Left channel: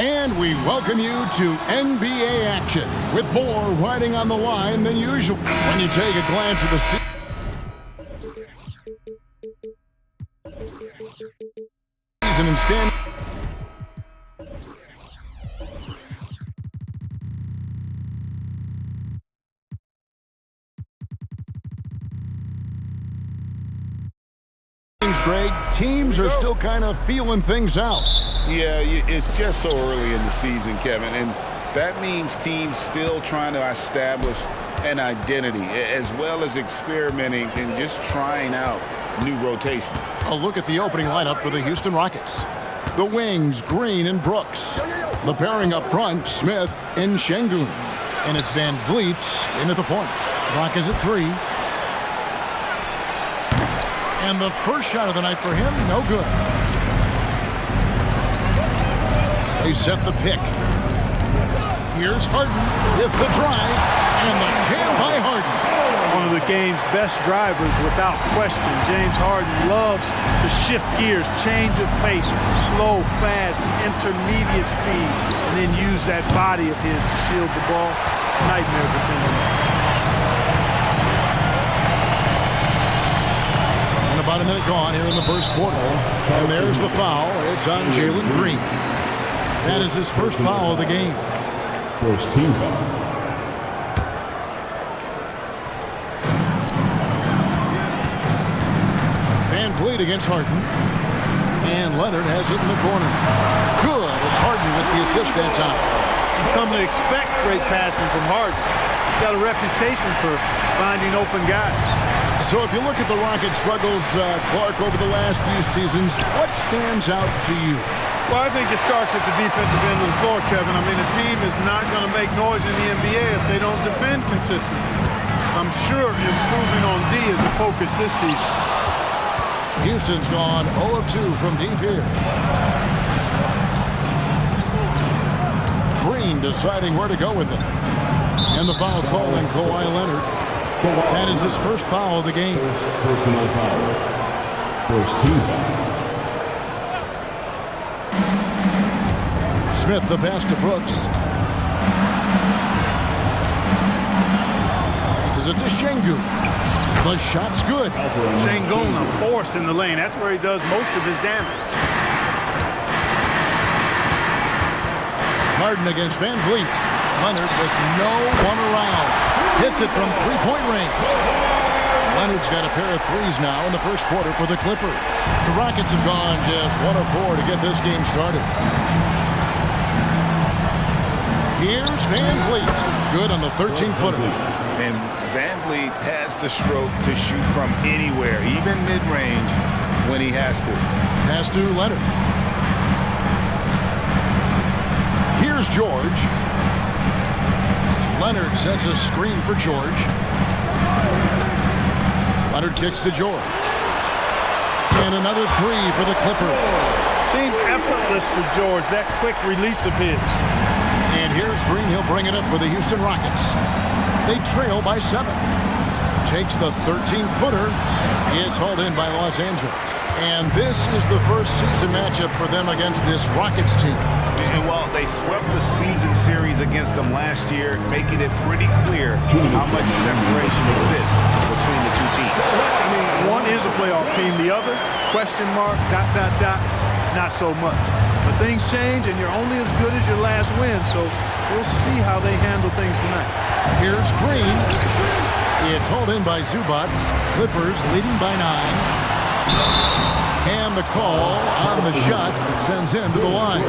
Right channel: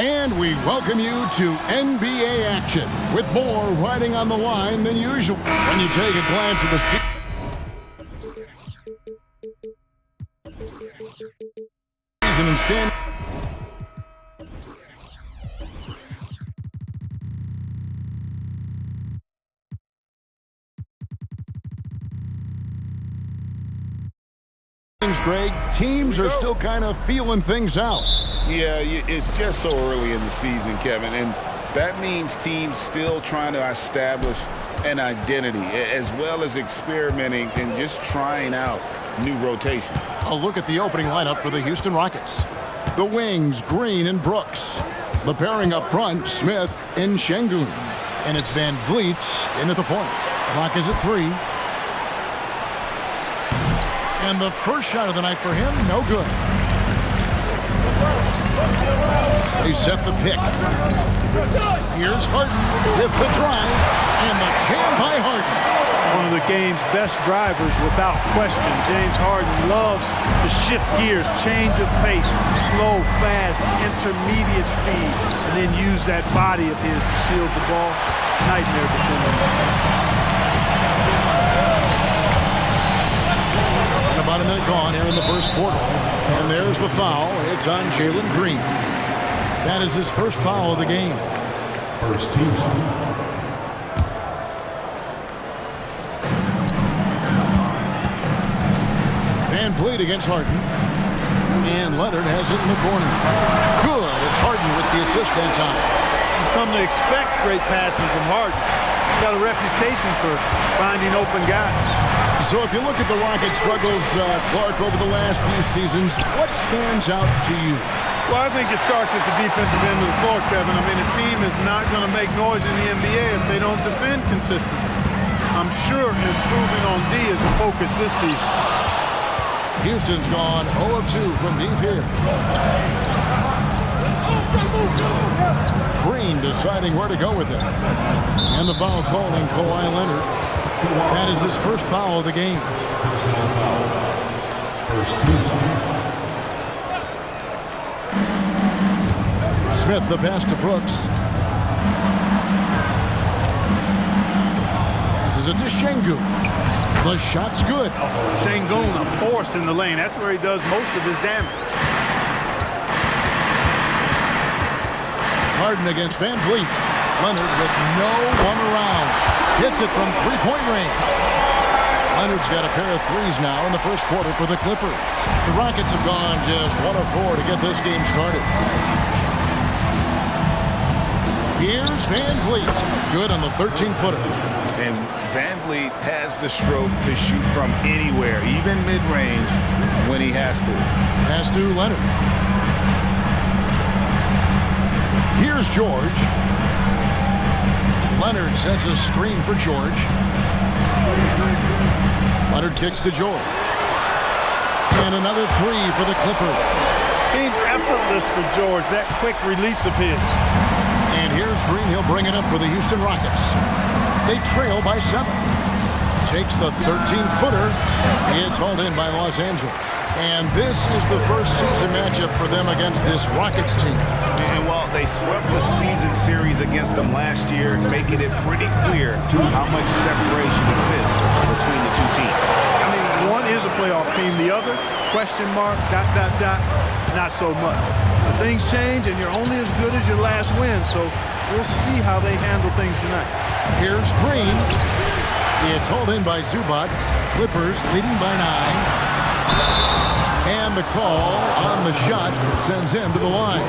And we welcome you to NBA action with more riding on the line than usual. When you take a glance at the season and stand Greg, teams are still kind of feeling things out. Yeah, it's just so early in the season, Kevin, and that means teams still trying to establish an identity as well as experimenting and just trying out new rotations. A look at the opening lineup for the Houston Rockets. The wings, Green and Brooks. The pairing up front, Smith and Şengün. And it's Van Vliet in at the point. Clock is at 3. And the first shot of the night for him, no good. They set the pick. Here's Harden with the drive, and the jam by Harden. One of the game's best drivers without question. James Harden loves to shift gears, change of pace, slow, fast, intermediate speed, and then use that body of his to shield the ball. Nightmare defending. About a minute gone here in the first quarter. And there's the foul. It's on Jalen Green. That is his first foul of the game. First team foul. Van Vliet against Harden. And Leonard has it in the corner. Good. It's Harden with the assist that time. You've come to expect great passing from Harden. He's got a reputation for finding open guys. So if you look at the Rockets' struggles, Clark, over the last few seasons, what stands out to you? Well, I think it starts at the defensive end of the floor, Kevin. I mean, a team is not going to make noise in the NBA if they don't defend consistently. I'm sure improving on D is the focus this season. Houston's gone 0 of 2 from deep here. Green deciding where to go with it. And the foul called on Kawhi Leonard. That is his first foul of the game. Personal foul. First team foul. Smith, the pass to Brooks. This is a to Şengün. The shot's good. Şengün, a force in the lane. That's where he does most of his damage. Harden against Van Vliet. Leonard with no one around. Hits it from three-point range. Leonard's got a pair of threes now in the first quarter for the Clippers. The Rockets have gone just 1 of 4 to get this game started. Here's Van Vliet. Good on the 13-footer. And Van Vliet has the stroke to shoot from anywhere, even mid-range, when he has to. Pass to Leonard. Here's George. Leonard sets a screen for George. Leonard kicks to George. And another 3 for the Clippers. Seems effortless for George, that quick release of his. And here's Green. He'll bring it up for the Houston Rockets. They trail by 7. Takes the 13-footer. It's hauled in by Los Angeles. And this is the first season matchup for them against this Rockets team. And while they swept the season series against them last year, making it pretty clear how much separation exists between the two teams. I mean, one is a playoff team. The other, question mark, ... not so much. But things change, and you're only as good as your last win. So we'll see how they handle things tonight. Here's Green. It's hauled in by Zubac. Clippers leading by 9. And the call on the shot that sends him to the line.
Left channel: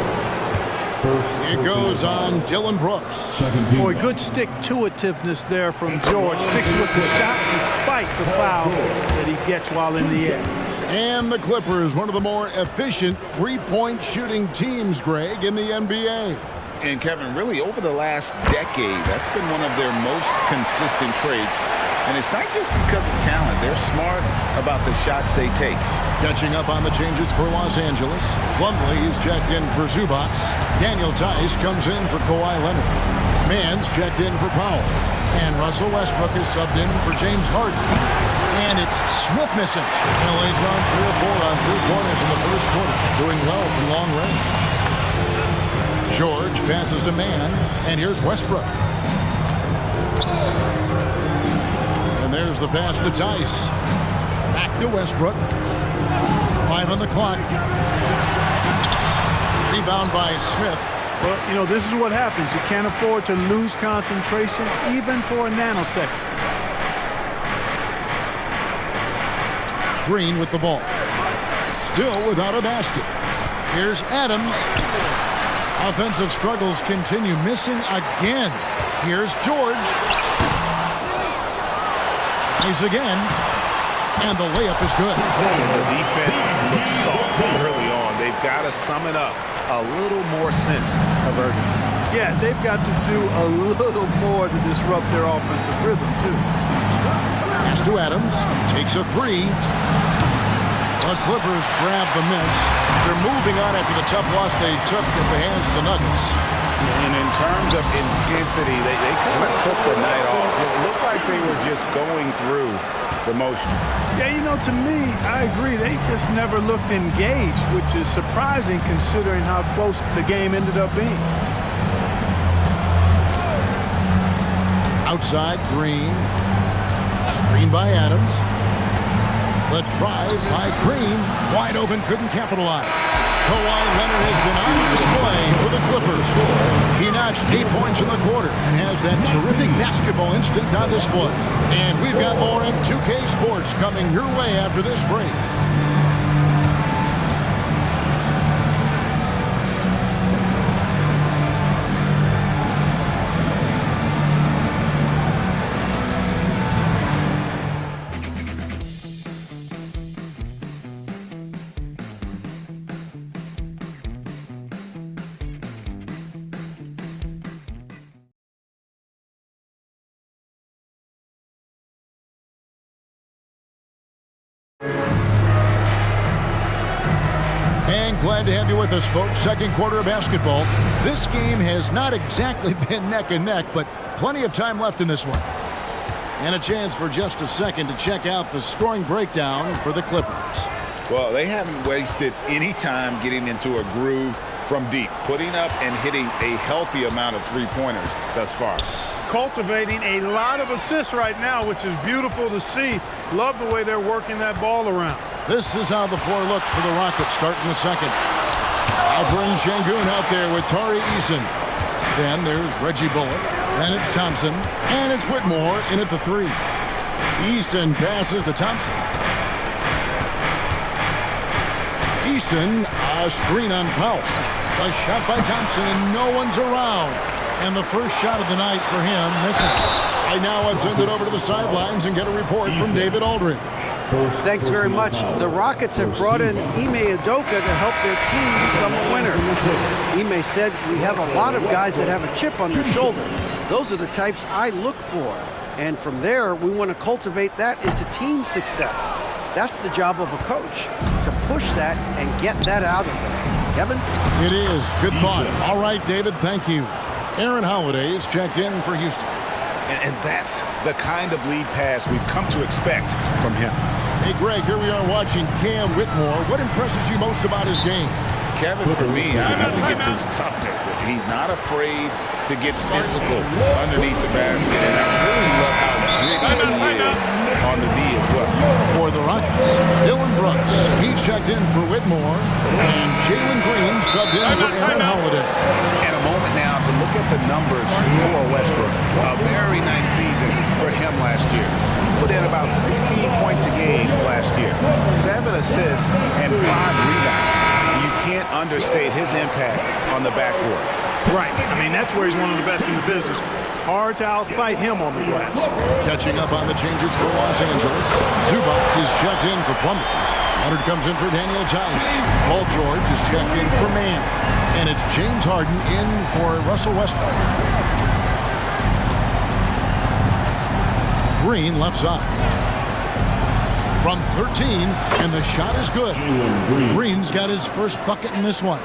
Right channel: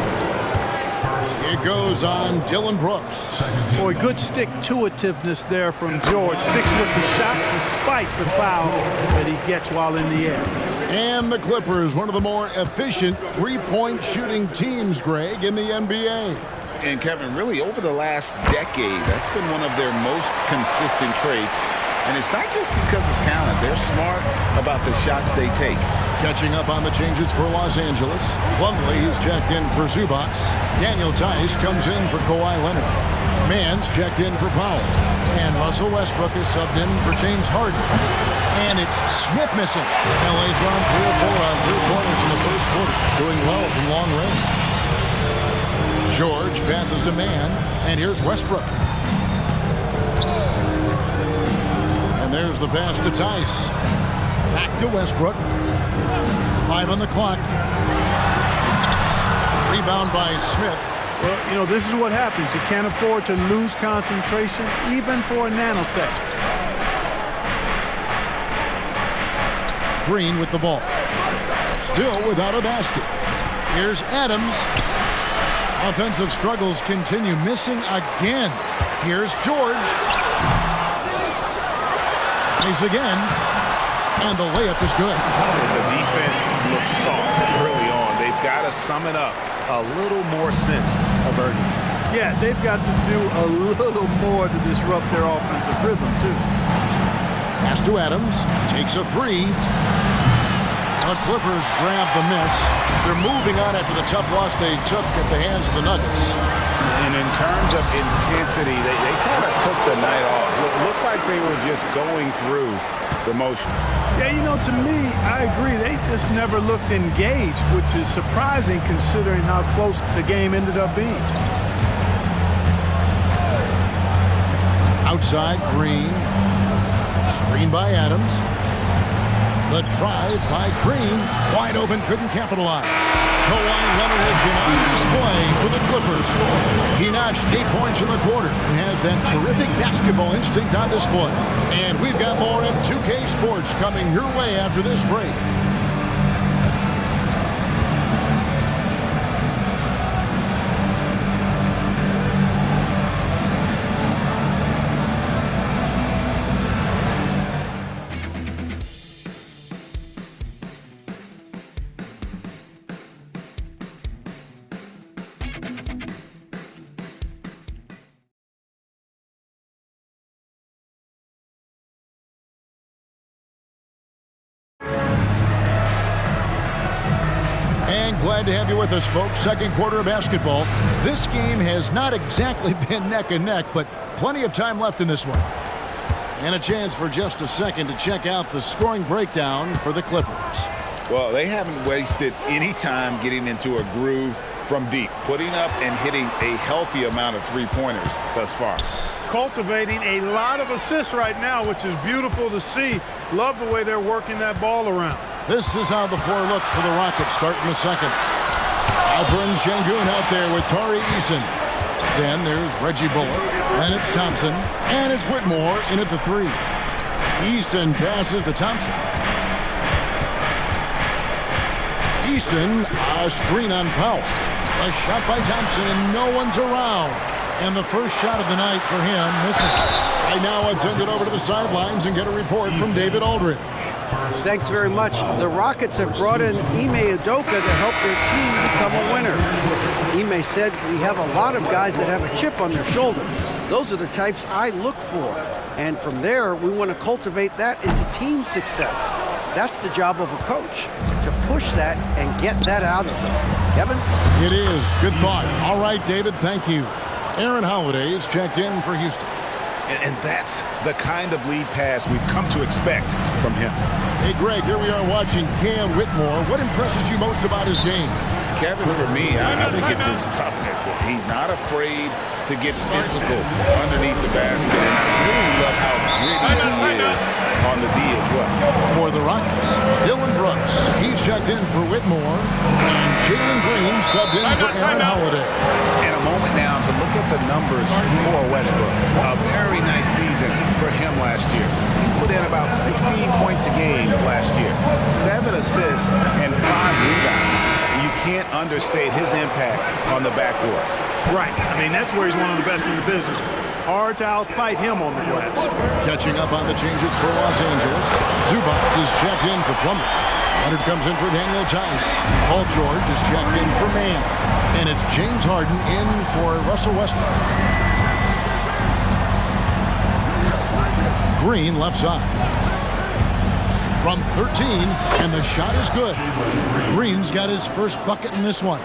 It goes on Dylan Brooks. Boy, good stick-to-itiveness there from George. Sticks with the shot despite the foul that he gets while in the air. And the Clippers, one of the more efficient three-point shooting teams, Greg, in the NBA. And Kevin, really over the last decade, that's been one of their most consistent traits. And it's not just because of talent. They're smart about the shots they take. Catching up on the changes for Los Angeles. Plumlee is checked in for Zubac. Daniel Tice comes in for Kawhi Leonard. Mann's checked in for Powell. And Russell Westbrook is subbed in for James Harden. And it's Smith missing. LA's gone 3 of 4 on 3-pointers in the first quarter, doing well from long range. George passes to Mann, and here's Westbrook. And there's the pass to Tice. Back to Westbrook. 5 on the clock. Rebound by Smith. Well, you know, this is what happens. You can't afford to lose concentration even for a nanosecond. Green with the ball. Still without a basket. Here's Adams. Offensive struggles continue. Missing again. Here's George. Tries again. And the layup is good. And the defense looks soft early on. They've got to sum it up. A little more sense of urgency. Yeah, they've got to do a little more to disrupt their offensive rhythm, too. Pass to Adams. Takes a 3. The Clippers grab the miss. They're moving on after the tough loss they took at the hands of the Nuggets. And in terms of intensity, they kind of took the night off. It looked like they were just going through the motions. Yeah, you know, to me, I agree. They just never looked engaged, which is surprising considering how close the game ended up being. Outside, Green. Screen by Adams. The drive by Green. Wide open, couldn't capitalize. Kawhi Leonard has been on display for the Clippers. He notched 8 points in the quarter and has that terrific basketball instinct on display. And we've got more M2K Sports coming your way after this break. And glad to have you with us, folks. Second quarter of basketball. This game has not exactly been neck and neck, but plenty of time left in this one. And a chance for just a second to check out the scoring breakdown for the Clippers. Well, they haven't wasted any time getting into a groove from deep, putting up and hitting a healthy amount of three-pointers thus far. Cultivating a lot of assists right now, which is beautiful to see. Love the way they're working that ball around. This is how the floor looks for the Rockets starting the second. Alperen Şengün out there with Tari Eason. Then there's Reggie Bullock. Then it's Thompson. And it's Whitmore in at the 3. Eason passes to Thompson. Eason, a screen on Powell. A shot by Thompson, and no one's around. And the first shot of the night for him, missing. Right now, let's send it over to the sidelines and get a report from David Aldridge. Thanks very much. The Rockets have brought in Ime Udoka to help their team become a winner. Ime said, "We have a lot of guys that have a chip on their shoulder. Those are the types I look for. And from there, we want to cultivate that into team success. That's the job of a coach, to push that and get that out of them." Kevin? It is. Good thought. All right, David, thank you. Aaron Holiday is checked in for Houston. And that's the kind of lead pass we've come to expect from him. Hey, Greg, here we are watching Cam Whitmore. What impresses you most about his game? Kevin, for me, I think it's his toughness. He's not afraid to get physical underneath the basket, and I really love how gritty he is on the D as well. For the Rockets, Dylan Brooks. He's checked in for Whitmore, and Jalen Green subbed in for Aaron Holiday. And a moment now to look at the numbers for Westbrook. A very nice season for him last year. He put in about 16 points a game last year, 7 assists and 5 rebounds. You can't understate his impact on the backboard. Right. I mean, that's where he's one of the best in the business. Hard to outfight him on the glass. Catching up on the changes for Los Angeles, Zubac is checked in for Plumlee. Leonard comes in for Daniel Tice. Paul George is checked in for Mann. And it's James Harden in for Russell Westbrook. Green left side. From 13, and the shot is good. Green's got his first bucket in this one.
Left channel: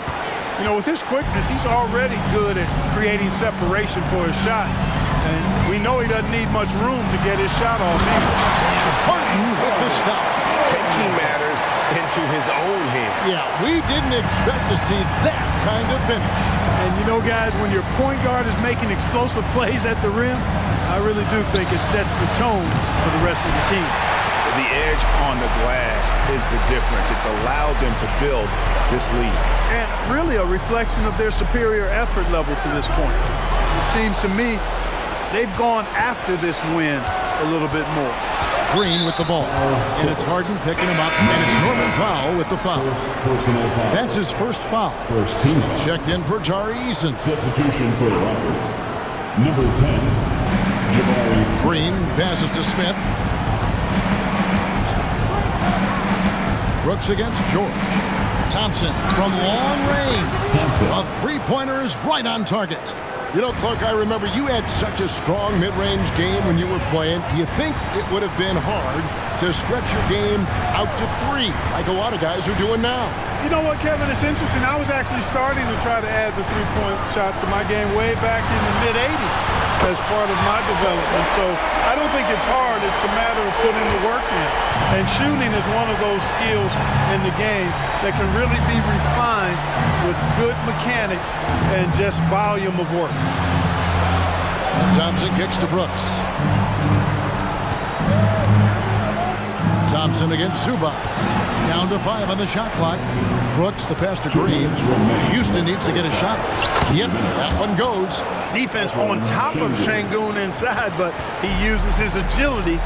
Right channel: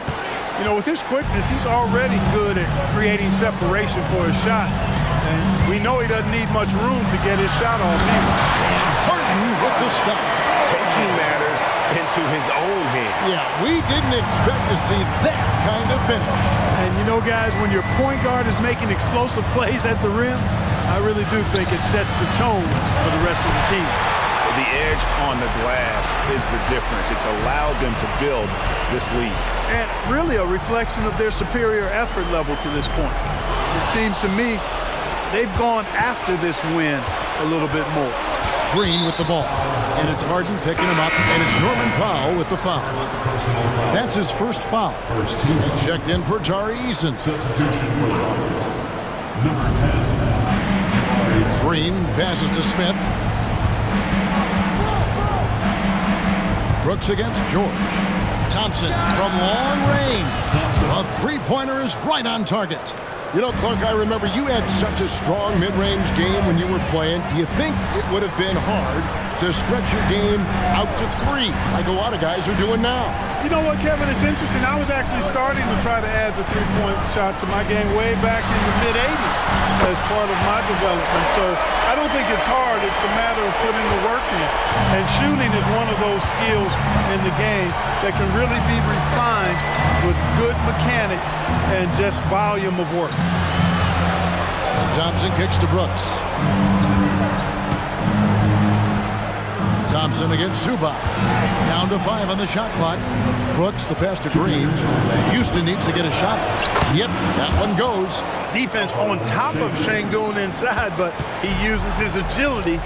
You know, with his quickness, he's already good at creating separation for his shot. And we know he doesn't need much room to get his shot off either. And Harden with the stuff. Taking matters into his own hands. Yeah, we didn't expect to see that kind of finish. And you know, guys, when your point guard is making explosive plays at the rim, I really do think it sets the tone for the rest of the team. The edge on the glass is the difference. It's allowed them to build this lead. And really a reflection of their superior effort level to this point. It seems to me they've gone after this win a little bit more. Green with the ball, and it's Harden picking him up, and it's Norman Powell with the foul. That's his first foul. Smith checked in for Tari Eason. Substitution for the Rockets. Number 10. Green passes to Smith. Brooks against George. Thompson from long range. A three-pointer is right on target. You know, Clark, I remember you had such a strong mid-range game when you were playing. Do you think it would have been hard to stretch your game out to three, like a lot of guys are doing now? You know what, Kevin? It's interesting. I was actually starting to try to add the three-point shot to my game way back in the mid-'80s as part of my development. So I don't think it's hard. It's a matter of putting the work in. And shooting is one of those skills in the game that can really be refined with good mechanics and just volume of work. And Thompson kicks to Brooks. Thompson against Zubac. Down to 5 on the shot clock. Brooks, the pass to Green. Houston needs to get a shot. Yep, that one goes. Defense on top of Şengün inside, but he uses his agility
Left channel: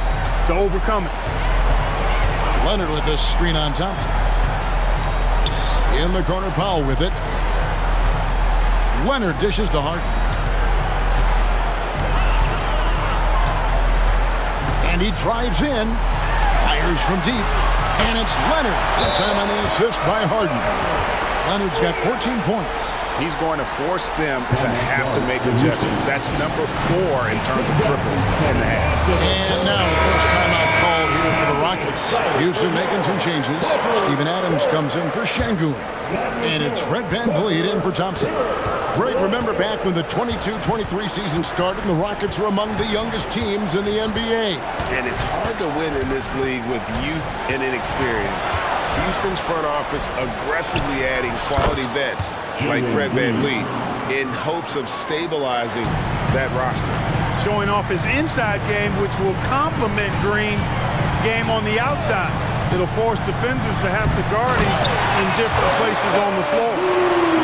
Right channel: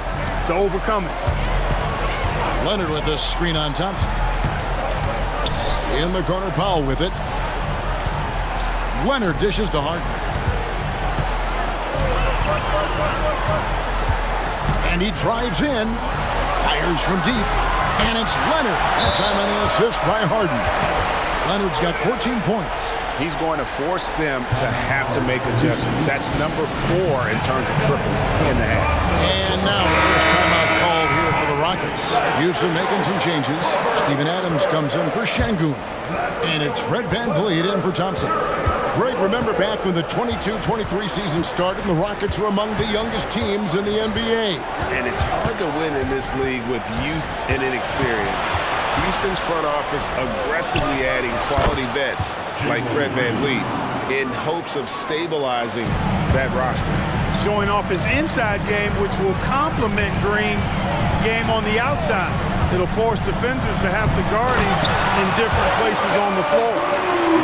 to overcome it. Leonard with this screen on Thompson. In the corner, Powell with it. Leonard dishes to Harden. And he drives in. Fires from deep, and it's Leonard. That time on the assist by Harden. Leonard's got 14 points. He's going to force them to have to make adjustments. That's number 4 in terms of triples in the half. And now the first timeout called here for the Rockets. Houston making some changes. Steven Adams comes in for Şengün. And it's Fred VanVleet in for Thompson. Greg, remember back when the 22-23 season started and the Rockets were among the youngest teams in the NBA. And it's hard to win in this league with youth and inexperience. Houston's front office aggressively adding quality vets like Fred VanVleet in hopes of stabilizing that roster. Showing off his inside game, which will complement Green's game on the outside. It'll force defenders to have to guard him in different places on the floor.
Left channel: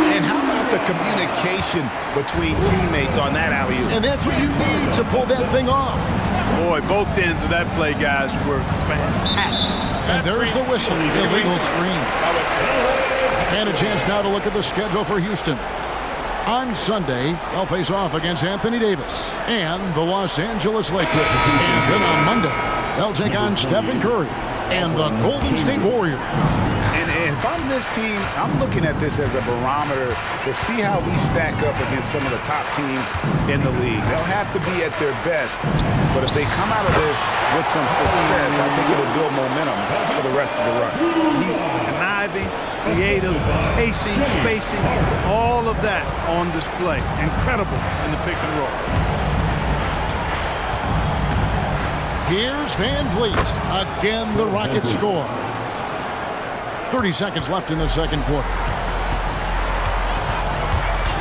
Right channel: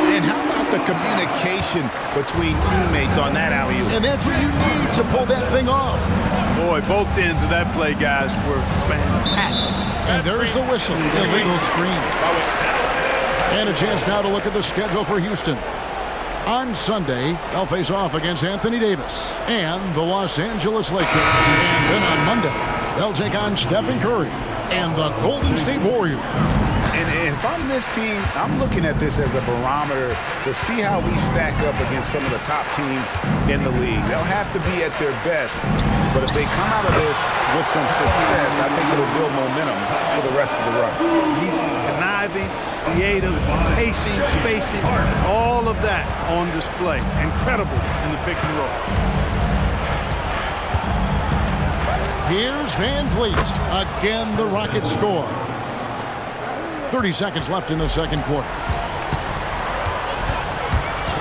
And how about the communication between teammates on that alley-oop? And that's what you need to pull that thing off. Boy, both ends of that play, guys, were fantastic. And there's the whistle. Illegal screen. And a chance now to look at the schedule for Houston. On Sunday, they'll face off against Anthony Davis and the Los Angeles Lakers. And then on Monday, they'll take on Stephen Curry and the Golden State Warriors. And if I'm this team, I'm looking at this as a barometer to see how we stack up against some of the top teams in the league. They'll have to be at their best, but if they come out of this with some success, I think it'll build momentum for the rest of the run. He's conniving, creative, pacing, spacing, all of that on display. Incredible in the pick and roll. Here's VanVleet. Again, the Rockets score. 30 seconds left in the second quarter.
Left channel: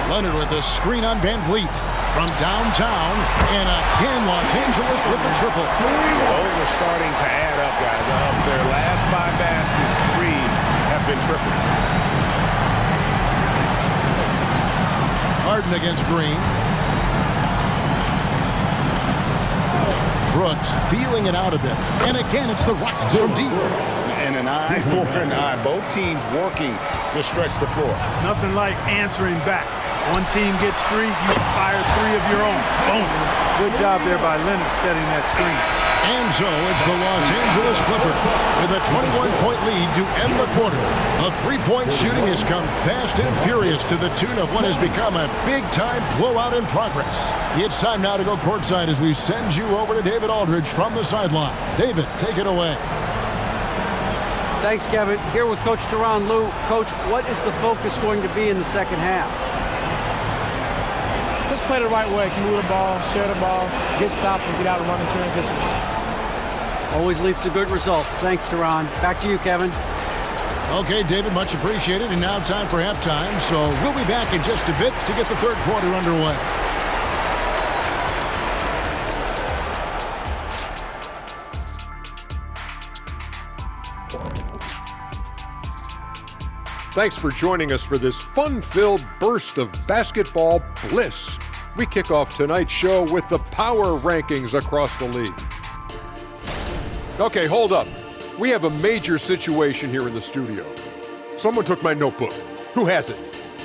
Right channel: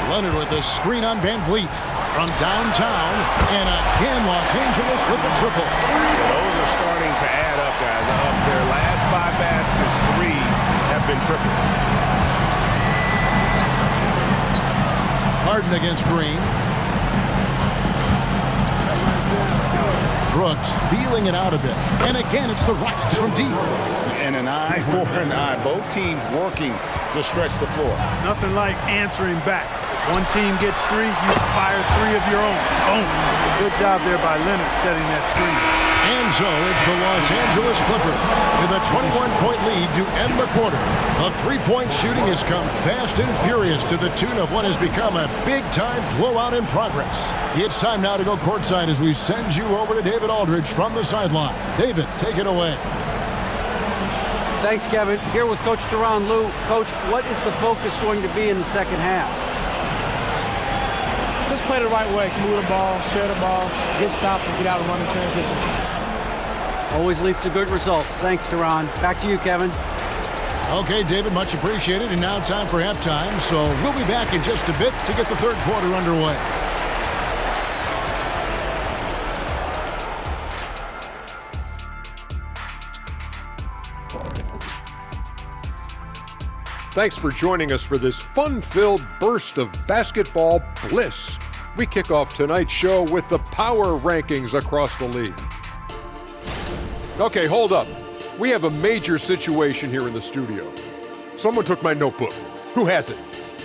Leonard with a screen on VanVleet from downtown, and again Los Angeles with the triple. Yeah, those are starting to add up, guys. Of their last 5 baskets, 3 have been triples. Harden against Green. Brooks feeling it out a bit. And again, it's the Rockets from deep. And an eye for an eye. Both teams working to stretch the floor. Nothing like answering back. One team gets 3, you fire 3 of your own. Boom. Good job there by Leonard setting that screen. And so it's the Los Angeles Clippers with a 21-point lead to end the quarter. The three-point shooting has come fast and furious to the tune of what has become a big-time blowout in progress. It's time now to go courtside as we send you over to David Aldridge from the sideline. David, take it away. Thanks, Kevin. Here with Coach Tyronn Lue. Coach, what is the focus going to be in the second half? Just play the right way. Move the ball, share the ball, get stops, and get out and run in transition. Always leads to good results. Thanks, Tyronn. Back to you, Kevin. Okay, David, much appreciated. And now time for halftime. So we'll be back in just a bit to get the third quarter underway. Thanks for joining us for this fun-filled burst of basketball bliss. We kick off tonight's show with the power rankings across the league. Okay, hold up. We have a major situation here in the studio. Someone took my notebook. Who has it?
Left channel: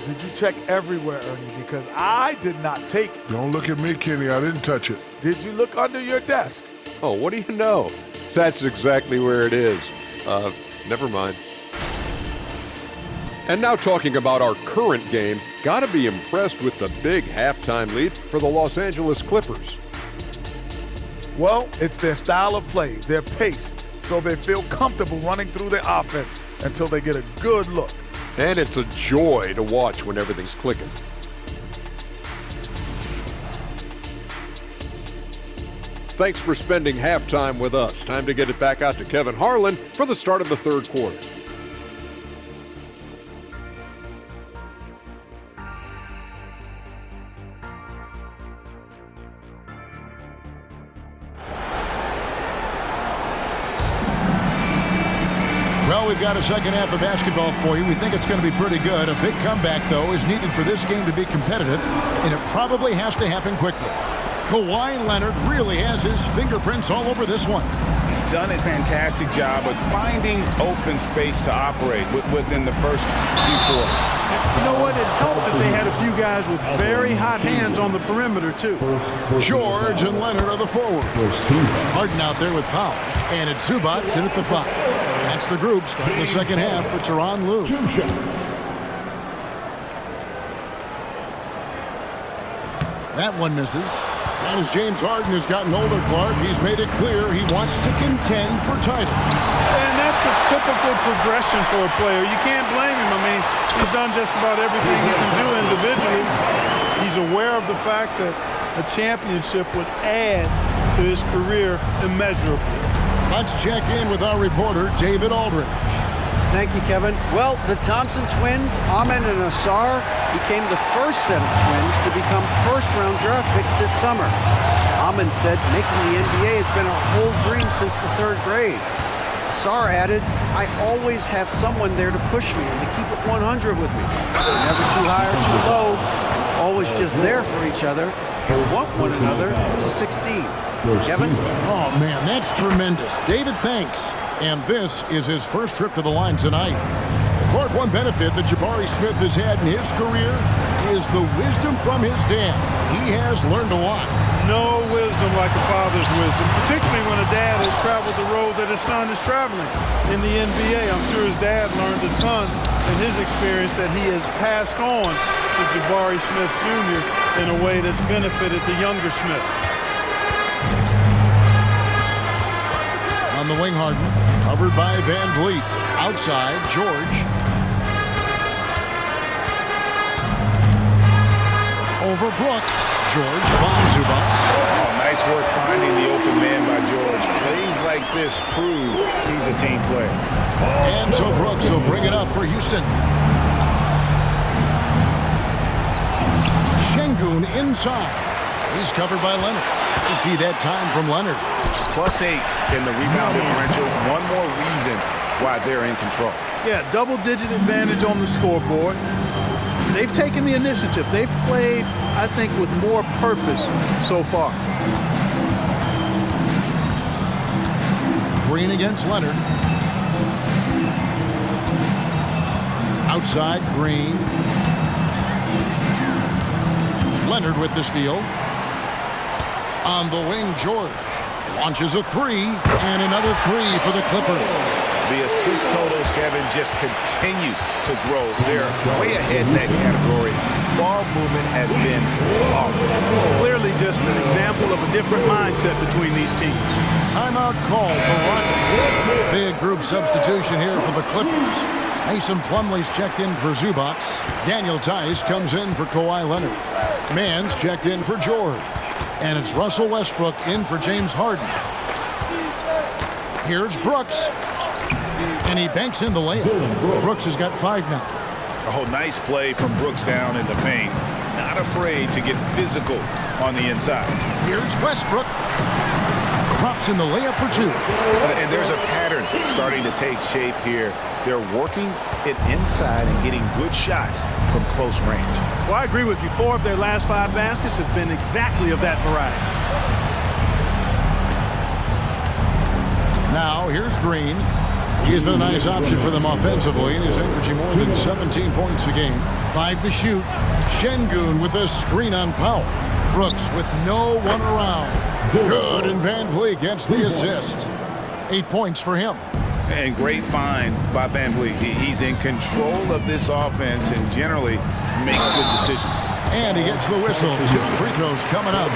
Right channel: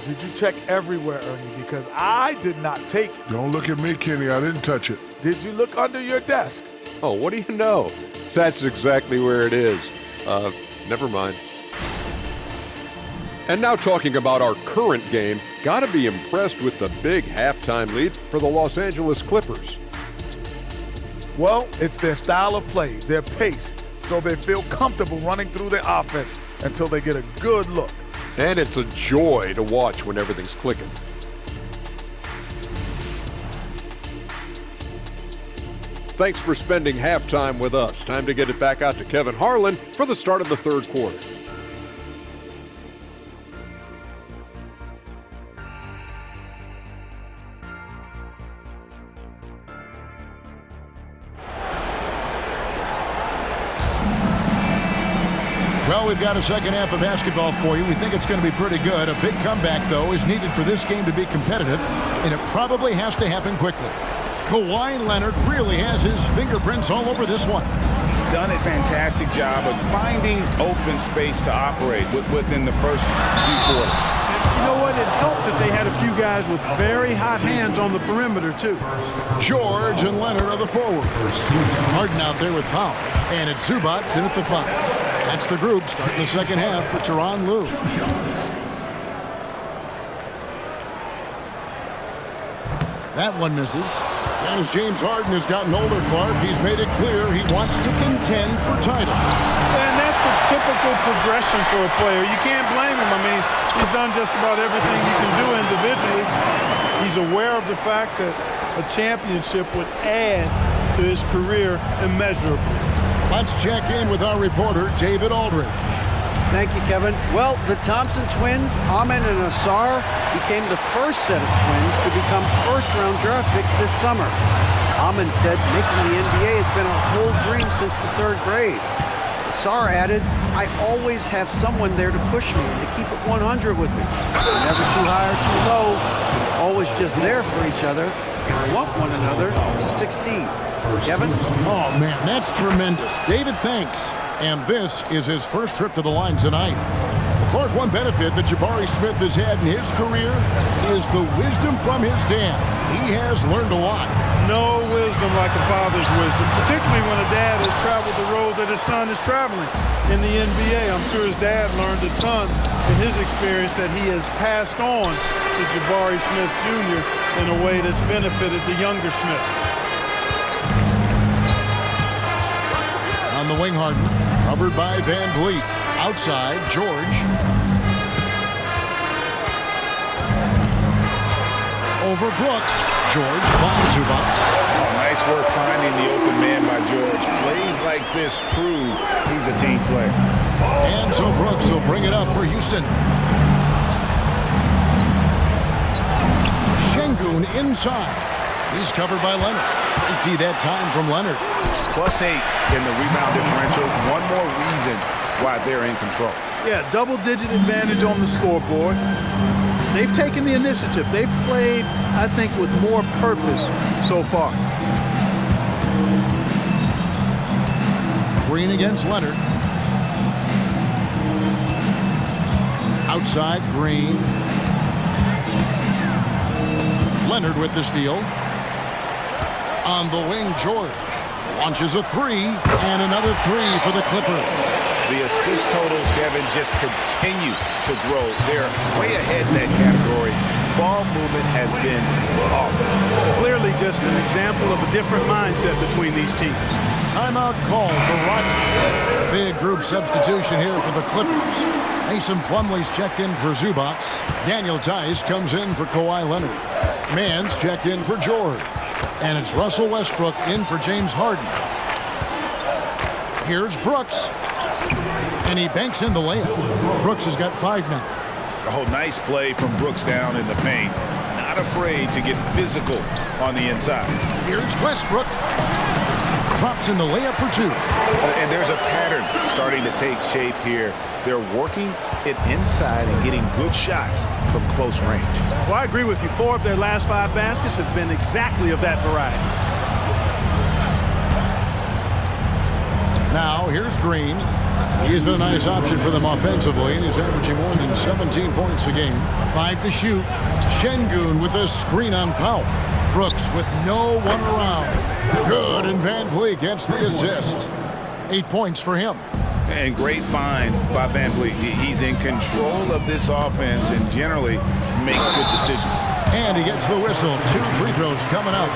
Did you check everywhere, Ernie? Because I did not take it. Don't look at me, Kenny. I didn't touch it. Did you look under your desk? Oh, what do you know? That's exactly where it is. Never mind. And now talking about our current game, gotta be impressed with the big halftime lead for the Los Angeles Clippers. Well, it's their style of play, their pace, so they feel comfortable running through their offense until they get a good look. And it's a joy to watch when everything's clicking. Thanks for spending halftime with us. Time to get it back out to Kevin Harlan for the start of the third quarter. Well, we've got a second half of basketball for you. We think it's going to be pretty good. A big comeback, though, is needed for this game to be competitive, and it probably has to happen quickly. Kawhi Leonard really has his fingerprints all over this one. He's done a fantastic job of finding open space to operate within the first few quarters. You know what? It helped that they had a few guys with very hot hands on the perimeter, too. George and Leonard are the forward. Harden out there with Powell, and it's Zubac in at the 5. That's the group starting the second half for Tyronn Lue. That one misses. And as James Harden has gotten older, Clark, he's made it clear he wants to contend for titles. And that's a typical progression for a player. You can't blame him. I mean, he's done just about everything you can do individually. He's aware of the fact that a championship would add to his career immeasurably. Let's check in with our reporter, David Aldridge. Thank you, Kevin. Well, the Thompson twins, Amen and Asar, became the first set of twins to become first-round draft picks this summer. Amen said making the NBA has been a whole dream since the 3rd grade. Asar added, I always have someone there to push me and to keep it 100 with me. We're never too high or too low. We're always just there for each other and want one another to succeed. Kevin? Oh, man, that's tremendous. David, thanks. And this is his first trip to the line tonight. Well, Clark, one benefit that Jabari Smith has had in his career is the wisdom from his dad. He has learned a lot. No wisdom like a father's wisdom, particularly when a dad has traveled the road that his son is traveling in the NBA. I'm sure his dad learned a ton in his experience that he has passed on to Jabari Smith Jr. in a way that's benefited the younger Smith. On the wing, Harden, covered by Van Vliet. Outside, George. Over Brooks. George finds Zubac. Oh, nice work finding the open man by George. Plays like this prove he's a team player. And so Brooks will bring it up for Houston. Şengün inside. He's covered by Leonard. 80 that time from Leonard. +8 in the rebound differential. One more reason why they're in control. Yeah, double-digit advantage on the scoreboard. They've taken the initiative. They've played, I think, with more purpose so far. Green against Leonard. Outside, Green. Leonard with the steal. On the wing, George launches a 3, and another 3 for the Clippers. The assist totals, Kevin, just continue to grow. They're way ahead in that category. Ball movement has been flawless. Clearly just an example of a different mindset between these teams. Timeout called the Rockets. Big group substitution here for the Clippers. Mason Plumlee's checked in for Zubac. Daniel Tice comes in for Kawhi Leonard. Mann's checked in for George. And it's Russell Westbrook in for James Harden. Here's Brooks. And he banks in the layup. Brooks has got 5 now. Oh, nice play from Brooks down in the paint. Not afraid to get physical on the inside. Here's Westbrook. Drops in the layup for 2. And there's a pattern starting to take shape here. They're working it inside and getting good shots from close range. Well, I agree with you. 4 of their last 5 baskets have been exactly of that variety. Now, here's Green. He's been a nice option for them offensively, and he's averaging more than 17 points a game. 5 to shoot. Şengün with a screen on Powell. Brooks with no one around. Good, and Van Vliet gets the assist. 8 points for him. And great find by Van Vliet. He's in control of this offense and generally makes good decisions. And he gets the whistle. 2 free throws coming up.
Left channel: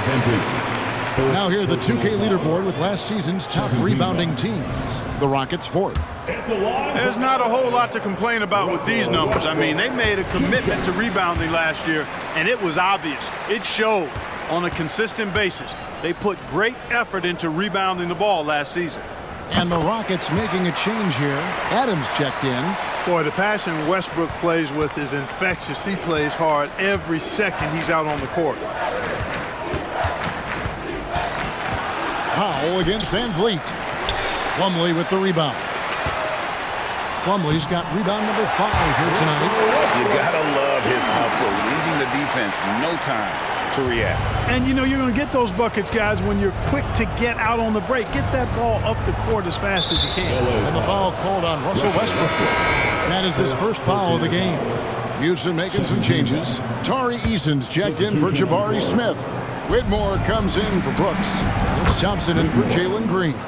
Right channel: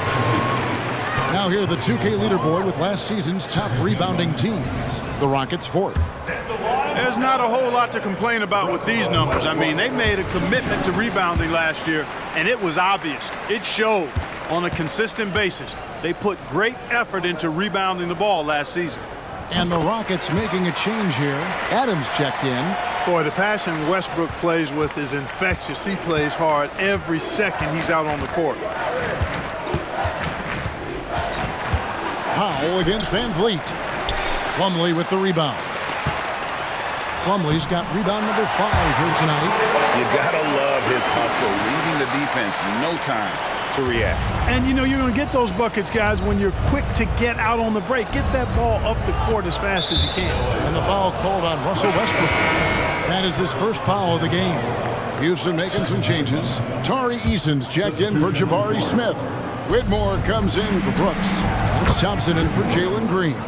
Now here the 2K leaderboard with last season's top rebounding teams. The Rockets 4th. There's not a whole lot to complain about with these numbers. I mean, they made a commitment to rebounding last year, and it was obvious. It showed on a consistent basis. They put great effort into rebounding the ball last season. And the Rockets making a change here. Adams checked in. Boy, the passion Westbrook plays with is infectious. He plays hard every second he's out on the court. Powell against Van Vliet. Plumlee with the rebound. Plumlee's got rebound number 5 here tonight. You gotta love his hustle, leaving the defense no time to react. And you know you're going to get those buckets, guys, when you're quick to get out on the break. Get that ball up the court as fast as you can. And the foul called on Russell Westbrook. That is his first foul of the game. Houston making some changes. Tari Eason's checked in for Jabari Smith. Whitmore comes in for Brooks. And it's Thompson in for Jalen Green.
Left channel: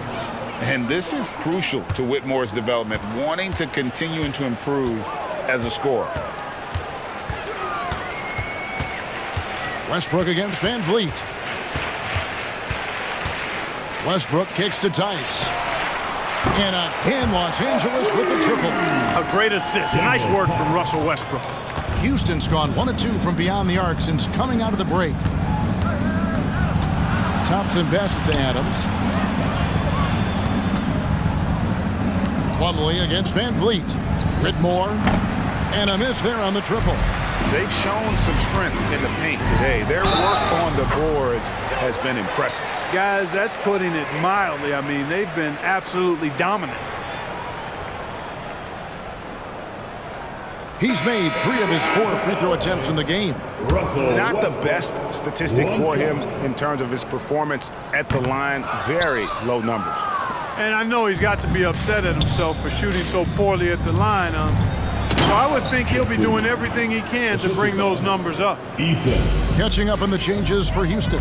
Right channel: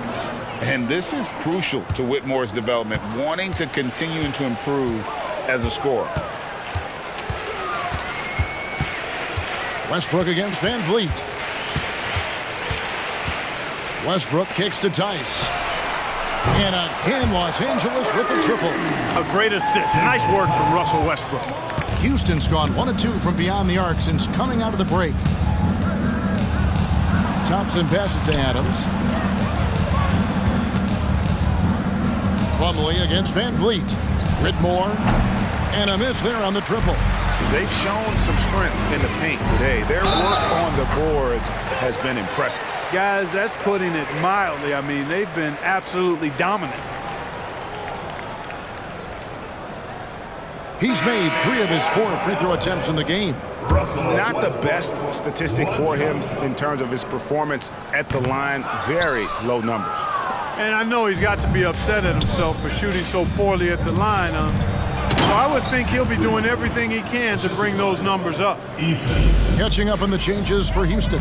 And this is crucial to Whitmore's development, wanting to continue to improve as a scorer. Westbrook against Van Vliet. Westbrook kicks to Tice. And again, Los Angeles with the triple. A great assist. Nice work from Russell Westbrook. Houston's gone 1 of 2 from beyond the arc since coming out of the break. Thompson passes to Adams. Plumlee against Van Vliet. Whitmore. And a miss there on the triple. They've shown some strength in the paint today. Their work on the boards has been impressive. Guys, that's putting it mildly. I mean, they've been absolutely dominant. He's made 3 of his 4 free throw attempts in the game. Not the best statistic for him in terms of his performance at the line. Very low numbers. And I know he's got to be upset at himself for shooting so poorly at the line. So I would think he'll be doing everything he can to bring those numbers up. Catching up on the changes for Houston.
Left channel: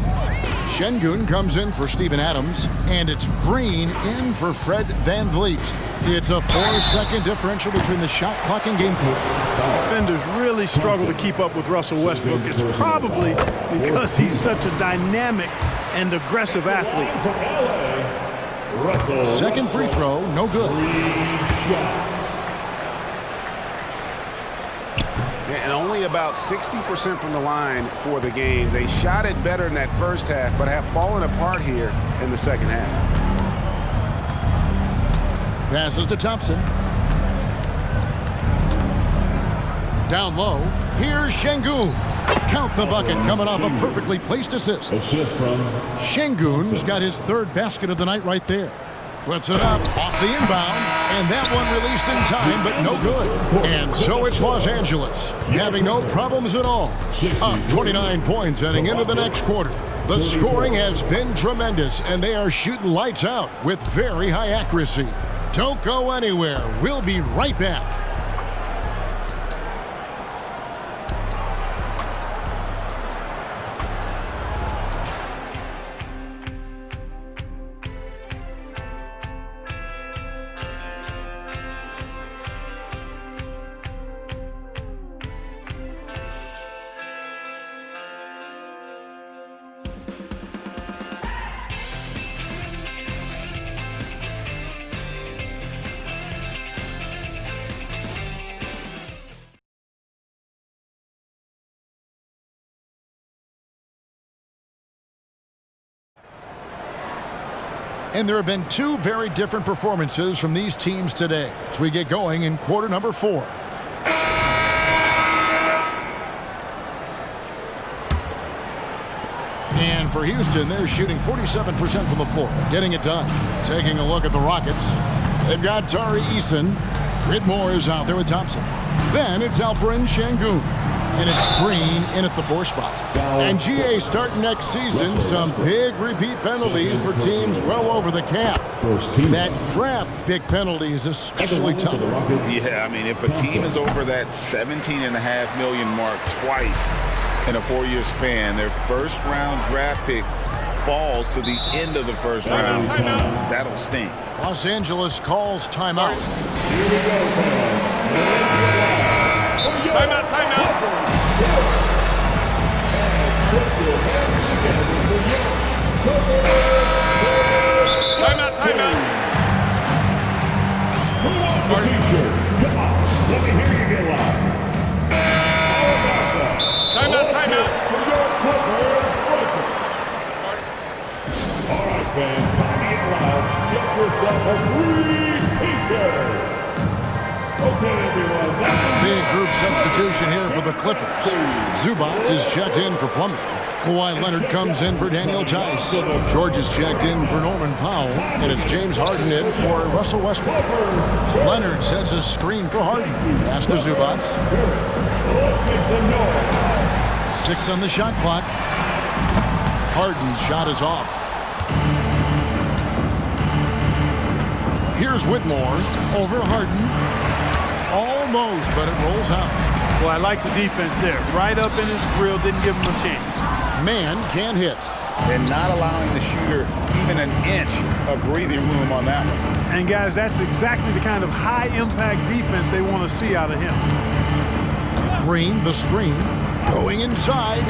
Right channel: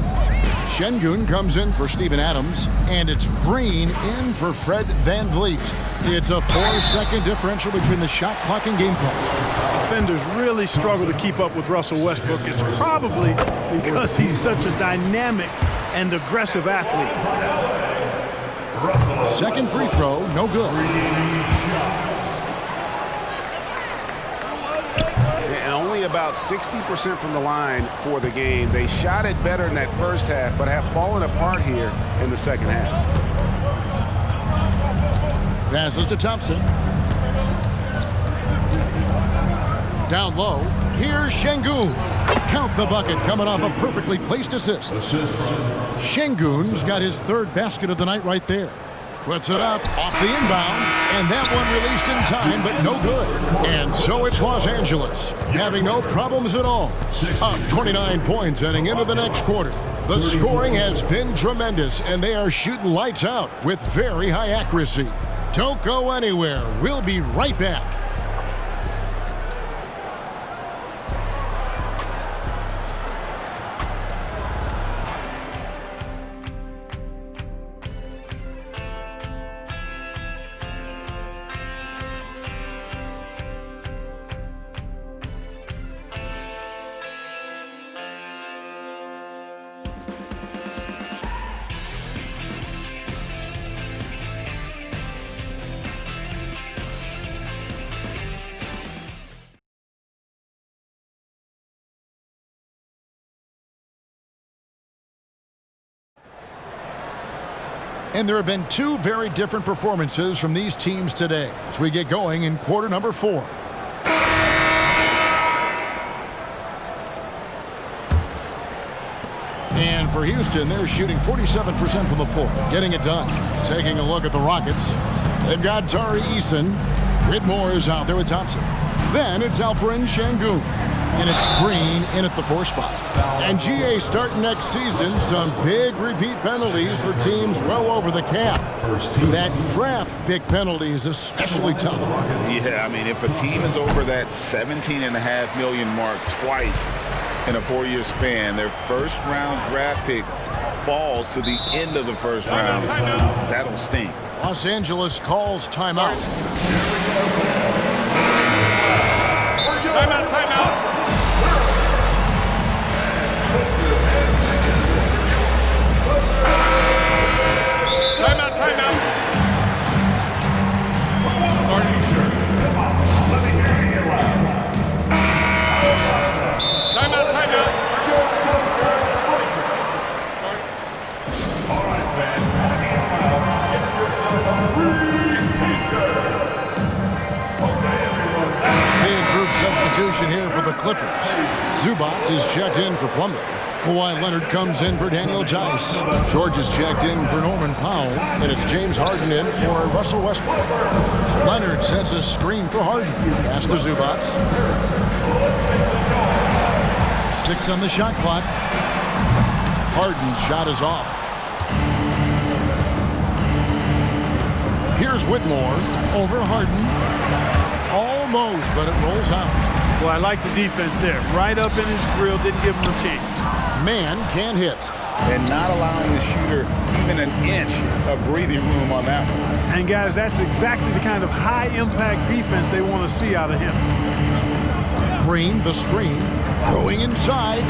Şengün comes in for Steven Adams, and it's Green in for Fred Van Vliet. It's a 4-second differential between the shot clock and game clock. Defenders really struggle to keep up with Russell Westbrook. It's probably because he's such a dynamic and aggressive athlete. Second free throw, no good. And only about 60% from the line for the game. They shot it better in that first half, but have fallen apart here in the second half. Passes to Thompson. Down low. Here's Şengün. Count the bucket coming off a perfectly placed assist. Şengün's got his 3rd basket of the night right there. Puts it up off the inbound, and that one released in time, but no good. And so it's Los Angeles, having no problems at all. Up 29 points heading into the next quarter. The scoring has been tremendous, and they are shooting lights out with very high accuracy. Don't go anywhere. We'll be right back. And there have been two very different performances from these teams today as we get going in quarter number 4. And for Houston, they're shooting 47% from the floor, getting it done. Taking a look at the Rockets, they've got Tari Eason. Whitmore is out there with Thompson. Then it's Alperen Şengün. And it's Green in at the 4 spot. And GA starting next season, some big repeat penalties for teams well over the cap. That draft pick penalty is especially tough. Yeah, I mean, if a team is over that $17.5 million mark twice in a 4-year span, their first-round draft pick falls to the end of the first round. That'll sting. Los Angeles calls timeout. Timeout, timeout. Timeout, timeout. Let me hear you get loud. Timeout, timeout. All right, fans, time to get loud. Get yourself a free t-shirt. Okay, everyone. Big group substitution here for the Clippers. Zubac is checked in for Plumlee. Kawhi Leonard comes in for Daniel Tice. George is checked in for Norman Powell. And it's James Harden in for Russell Westbrook. Leonard sets a screen for Harden. Pass to Zubac. 6 on the shot clock. Harden's shot is off. Here's Whitmore over Harden. Almost, but it rolls out. Well, I like the defense there. Right up in his grill, didn't give him a chance. Man can't hit. And not allowing the shooter even an inch of breathing room on that one. And guys, that's exactly the kind of high-impact defense they want to see out of him. Green, the screen, going inside.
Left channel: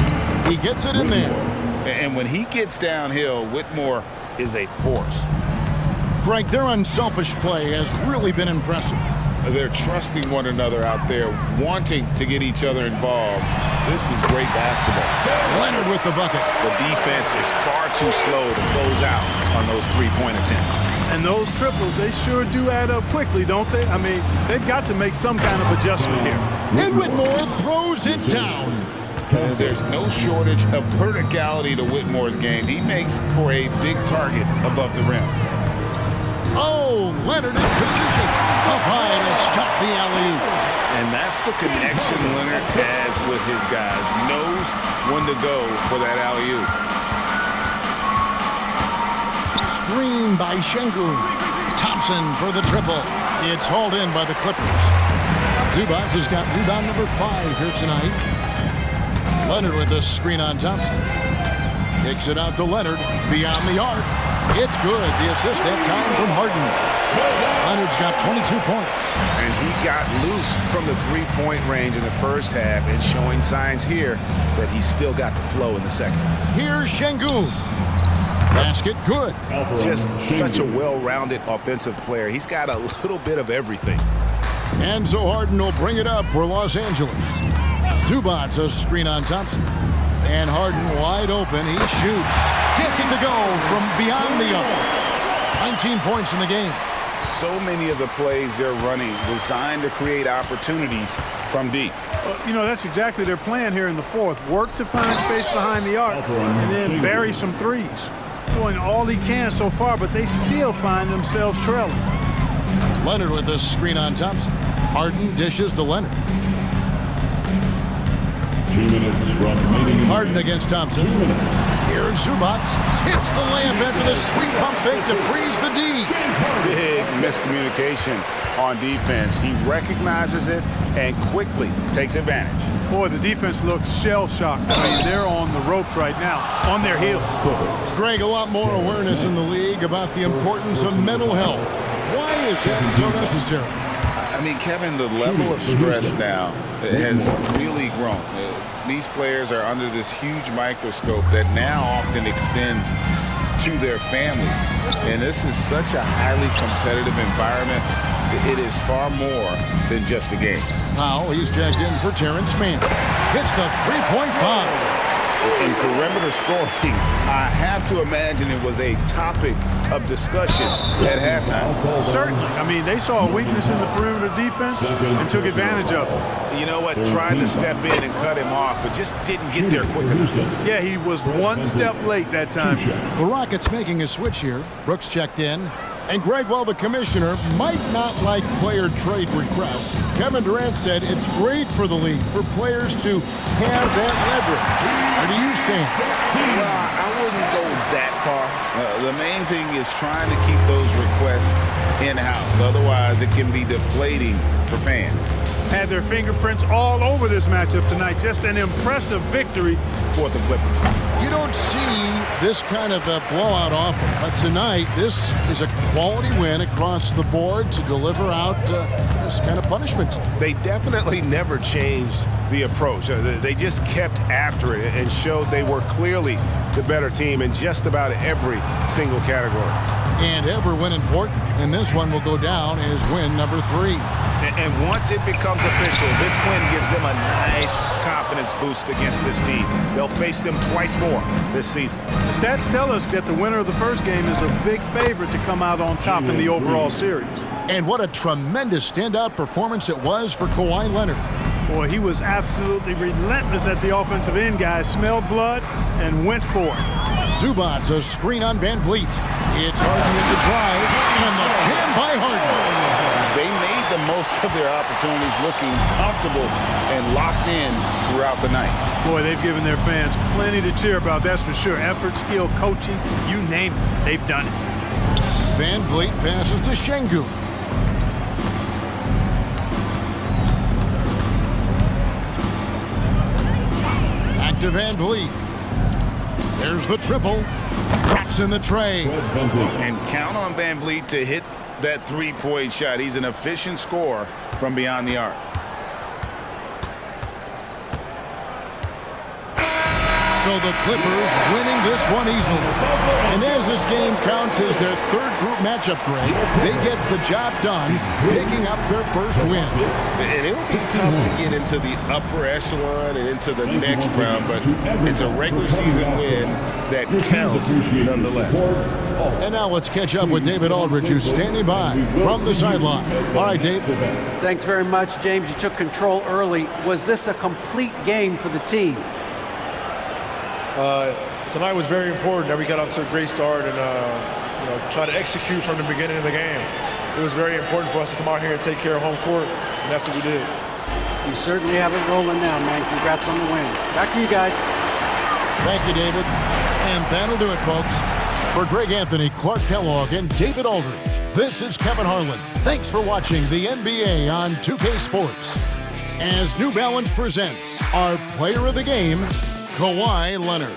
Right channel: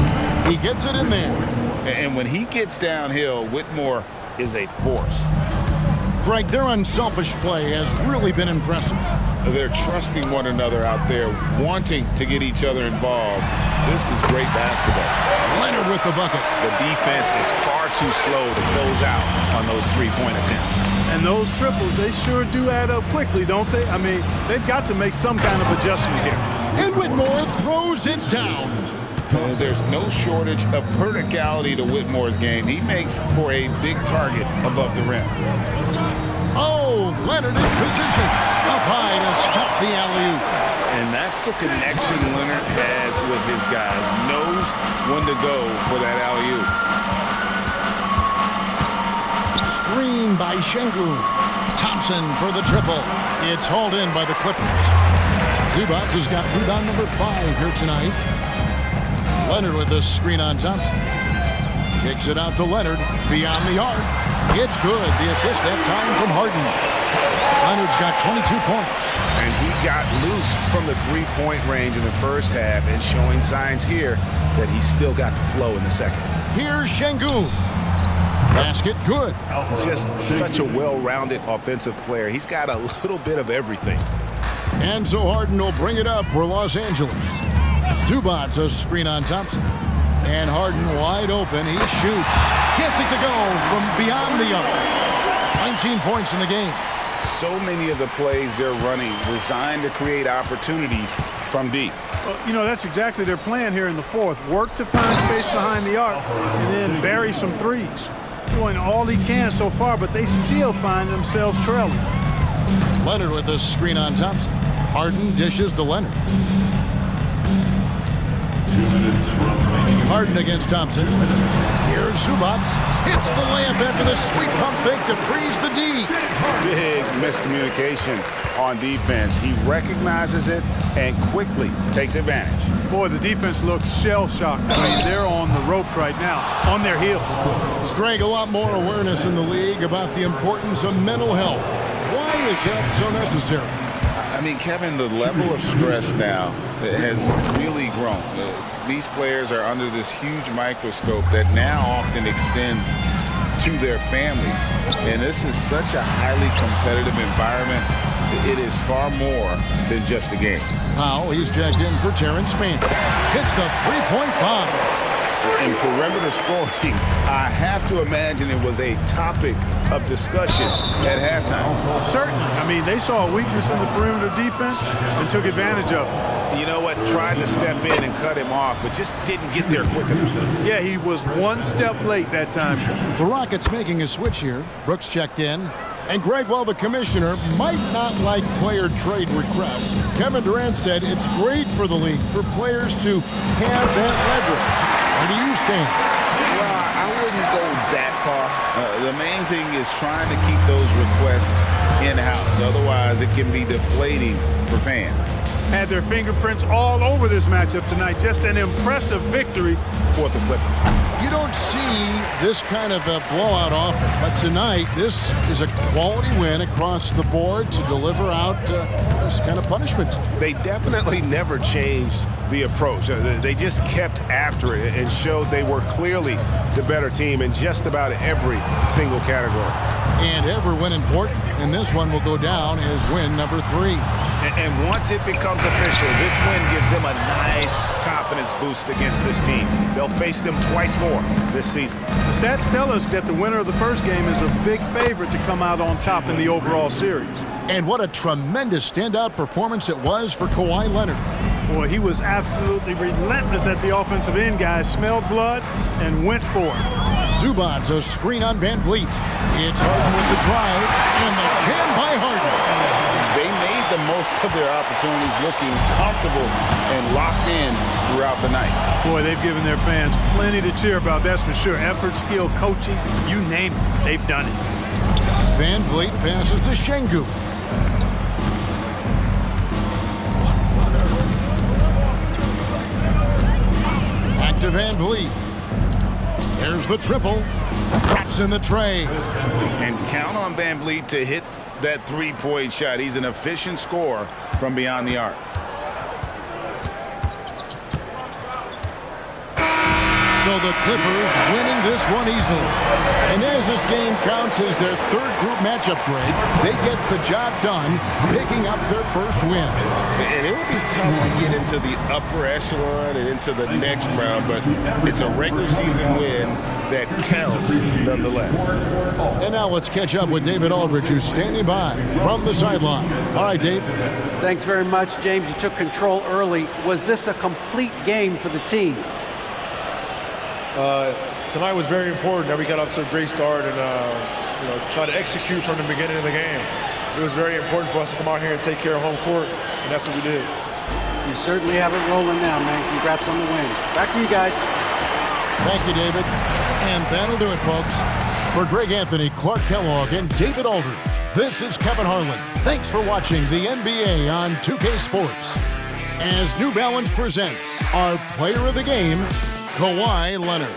He gets it in there. And when he gets downhill, Whitmore is a force. Greg, their unselfish play has really been impressive. They're trusting one another out there, wanting to get each other involved. This is great basketball. Leonard with the bucket. The defense is far too slow to close out on those three-point attempts. And those triples, they sure do add up quickly, don't they? I mean, they've got to make some kind of adjustment here. And Whitmore throws it down. There's no shortage of verticality to Whitmore's game. He makes for a big target above the rim. Oh, Leonard in position. Up high to stuff the alley-oop. And that's the connection Leonard has with his guys. Knows when to go for that alley-oop. Screen by Şengün. Thompson for the triple. It's hauled in by the Clippers. Zubac has got rebound number 5 here tonight. Leonard with the screen on Thompson. Kicks it out to Leonard. Beyond the arc. It's good. The assist that time from Harden. Leonard's got 22 points. And he got loose from the three-point range in the first half and showing signs here that he's still got the flow in the second. Here's Şengün. Basket good. Just such a well-rounded offensive player. He's got a little bit of everything. And so Harden will bring it up for Los Angeles. Zubac a screen on Thompson. And Harden wide open. He shoots. Gets it to go from beyond the arc. 19 points in the game. So many of the plays they're running designed to create opportunities from deep. Well, you know, that's exactly their plan here in the fourth. Work to find space behind the arc and then bury some threes. Doing all he can so far, but they still find themselves trailing. Leonard with a screen on Thompson. Harden dishes to Leonard. 2 minutes remaining. Harden against Thompson. Here's Zubac. Hits the layup after the sweet pump fake to freeze the D. Big miscommunication on defense. He recognizes it and quickly takes advantage. Boy, the defense looks shell-shocked. I mean, they're on the ropes right now, on their heels. Greg, a lot more awareness in the league about the importance of mental health. Why is that so necessary? I mean, Kevin, the level of stress now has really grown. These players are under this huge microscope that now often extends to their families. And this is such a highly competitive environment. It is far more than just a game. Powell, he's checked in for Terrence Mann. Hits the three-point bomb. In perimeter scoring, I have to imagine it was a topic of discussion at halftime. Certainly. I mean, they saw a weakness in the perimeter defense and took advantage of it. You know what? Tried to step in and cut him off, but just didn't get there quick enough. Yeah, he was one step late that time. The Rockets making a switch here. Brooks checked in. And Greg, while the commissioner might not like player trade requests, Kevin Durant said it's great for the league for players to have that leverage. Where do you stand? Well, I wouldn't go that far. The main thing is trying to keep those requests in-house. Otherwise, it can be deflating for fans. Had their fingerprints all over this matchup tonight. Just an impressive victory for the Clippers. You don't see this kind of a blowout often, but tonight this is a quality win across the board to deliver out this kind of punishment. They definitely never changed the approach. They just kept after it and showed they were clearly the better team in just about every single category. And every win important, and this one will go down as win number 3. And once it becomes official, this win gives them a nice confidence boost against this team. They'll face them twice more this season. The stats tell us that the winner of the first game is a big favorite to come out on top in the overall series. And what a tremendous standout performance it was for Kawhi Leonard. Boy, he was absolutely relentless at the offensive end, guys. Smelled blood and went for it. Zubac's a screen on Van Vliet. It's Harden with the drive, and the jam by Harden. They made the most of their opportunities, looking comfortable and locked in throughout the night. Boy, they've given their fans plenty to cheer about, that's for sure. Effort, skill, coaching, you name it, they've done it. Van Vliet passes to Şengün. Back to Van Vliet. There's the triple. Drops in the tray. And count on Van Vliet to hit that three-point shot. He's an efficient scorer from beyond the arc. So the Clippers winning this one easily. And as this game counts as their third group matchup, Greg, they get the job done, picking up their first win. And it'll be tough to get into the upper echelon and into the next round, but it's a regular season win that counts nonetheless. And now let's catch up with David Aldridge, who's standing by from the sideline. All right, Dave. Thanks very much, James. You took control early. Was this a complete game for the team? Tonight was very important that we got off to a great start and try to execute from the beginning of the game. It was very important for us to come out here and take care of home court, and that's what we did. You certainly have it rolling now, man. Congrats on the win. Back to you guys. Thank you, David. And that'll do it, folks. For Greg Anthony, Clark Kellogg, and David Aldridge, this is Kevin Harlan. Thanks for watching the NBA on 2K Sports. As New Balance presents our player of the game, Kawhi Leonard.